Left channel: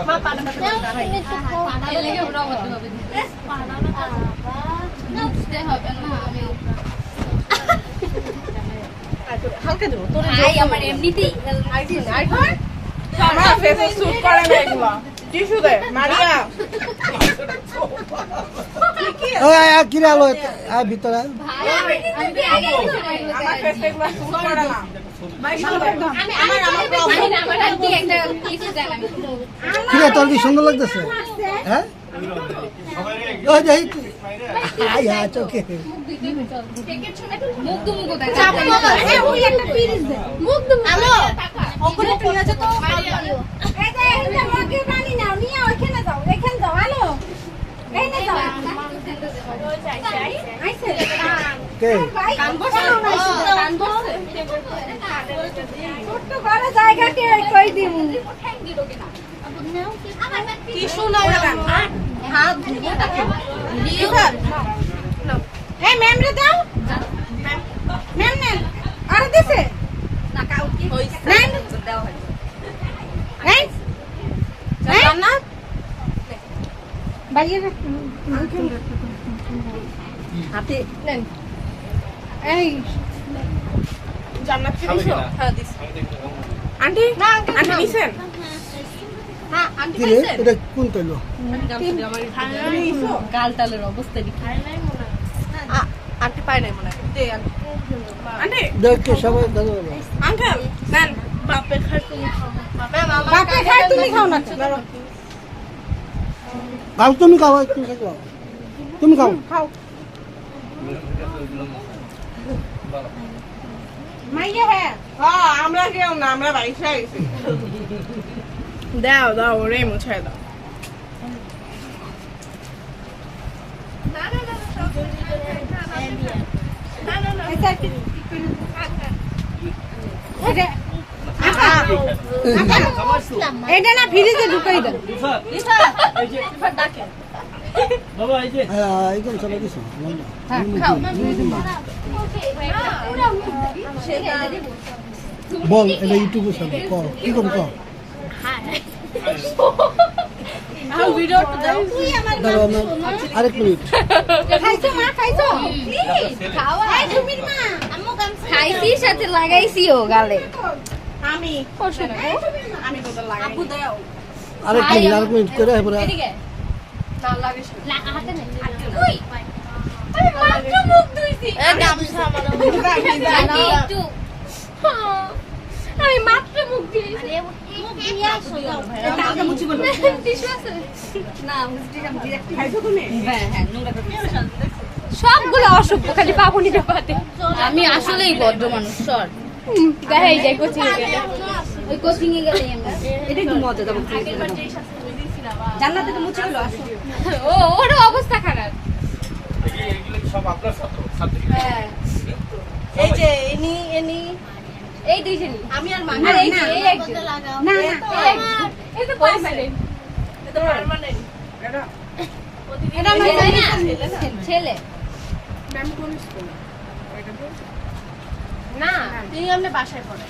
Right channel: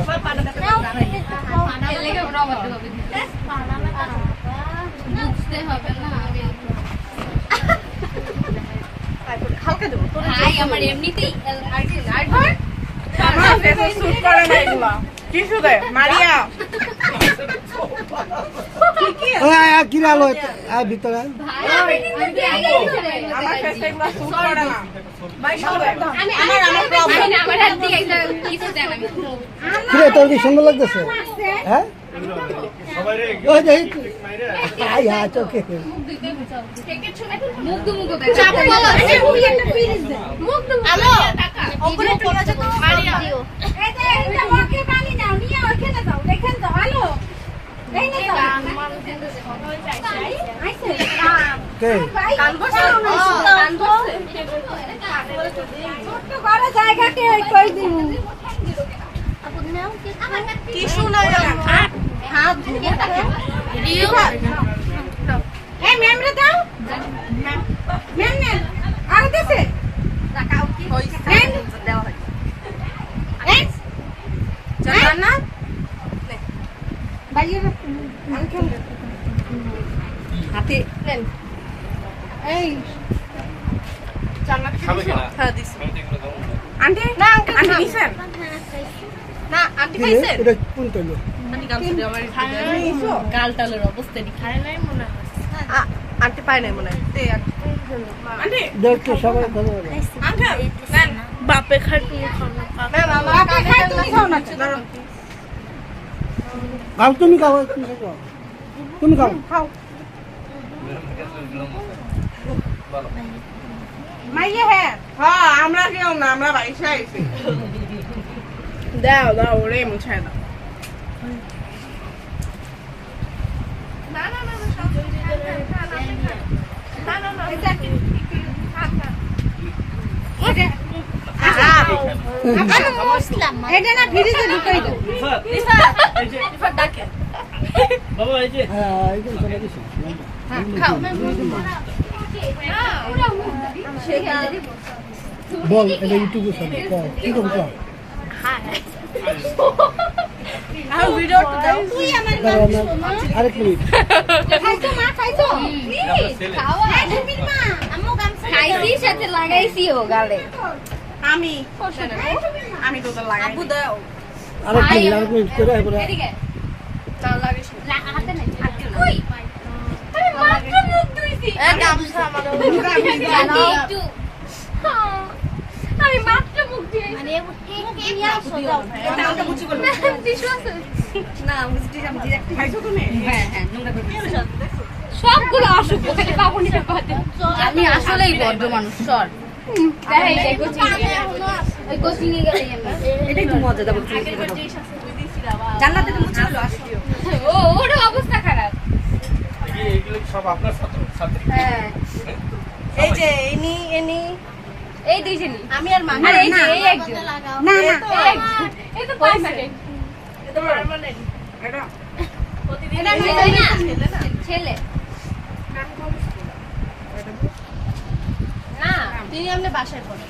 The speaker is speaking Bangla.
মা পানা দেখো এর লাগে ওটা আমাদের হবে পানা না বুঝতে হবে না আমি হালকা দেবো তোর ভাই আমার এমনিতেই আর ধর না ফেসে স্যুট করে না এগুলো টিস্যু দে মারিয়া ওই কি আলো আর ভিতরে আমি স্যুট করে না আমার প্রবলেম আমার হাত দিয়ে একটা কিছু দেন আমি কিরে তোর কি সুন্দর লাগতেছে হ্যাঁ ওই যে আই হ্যাঁ চোখে মুখ দুমুখ দেয় ওই একটা ফ্রিজ দে মুখ দুমুখ আলো ওপরে তুই আছে তো দিও এই যে এটা মগে পানি নাও নিয়ে ওখানে যাও রেখে যাও হ্যালো এই নে যাও আইছে কে কান বসাও না কান বসে ছোট বড় জায়গাতে কই দিমু টিস্যু না হাত ধুবোটাকে এই মেমরে দাও মেম নে আর দিছে না কাউ কি হইছে দেওয়া হয় এই জান না বাইরে হাতে নেন এই জান্নাত কি খাবে দিছো কিনা? হ্যাঁ দিছি আন্টি না আন্টি নিছেন না আন্টি কিরে খাইছেন এটা কোন তৈলো আন্টি গাল দিয়ে আমার নিছো গালটালের অবস্থা দি খায় নাই মনে আন্টি পায় নাই মনে হয় দে আন্টি দেখতে সবাই ভালো আঙ্কেল দেন বাপে খাই বাবা খাই তুমি খাও না খাও তুমি খাও তুমি খাও মাইয়া হ্যাঁ হ্যাঁ আমরা কেউ না আমরা বাইশে আইছি দাও দাও ওরে মুছাই দাও এটা না ফ্রিজে ঢুকাই দাও বাবা এই যে একদম চলে গেছে বল এটা ইউটিউবে সব কর কি করবি কর আর ভিডিও দাও দাঁড়াও আমার আরেক মিনিট খাইছো মা খাইছো খাই তুমি মা আমু গাম খাইছি সাথে লাগাইছিও গালে আমি আমি তো লাগাই আপু দাও আরেক মিনিট করে এবারে এদিকে না লাগাইছ না হাতে নাই তুই আমি মাত্র মুখ ধুইছি এই গামছা মানে একটু আমি মাত্র মুখ ধুইছি মানে মুখ দিয়ে আসো দাও এটা আমরা মুছি বলবো বিশ্বাস না মুখটি আমি direct খাইছো তুমি হ্যাঁ হ্যাঁ নোংরা করে সবগুলো অসভ্য খালি পাবনিতে পাতে আমি আসলেই বদ্ধ মানুষ সর দেখাই যাই কোচিং ওই কোচিং এ গেলে এটাই তো মজা দেবো জান্নাতে তো মুছে গেল আসো ও ওর অবস্থা খারাপ এগুলো সব আপনার ছাত্র হ্যাঁ এই যে এনি এই দুইজনই আমি আর মা আর এই যে এই একজন না না এই একজন। এই তো পার্মানেন্ট এটা পার্মানেন্ট এটা ছেলে না তুই আমরা বাসায় পড়ে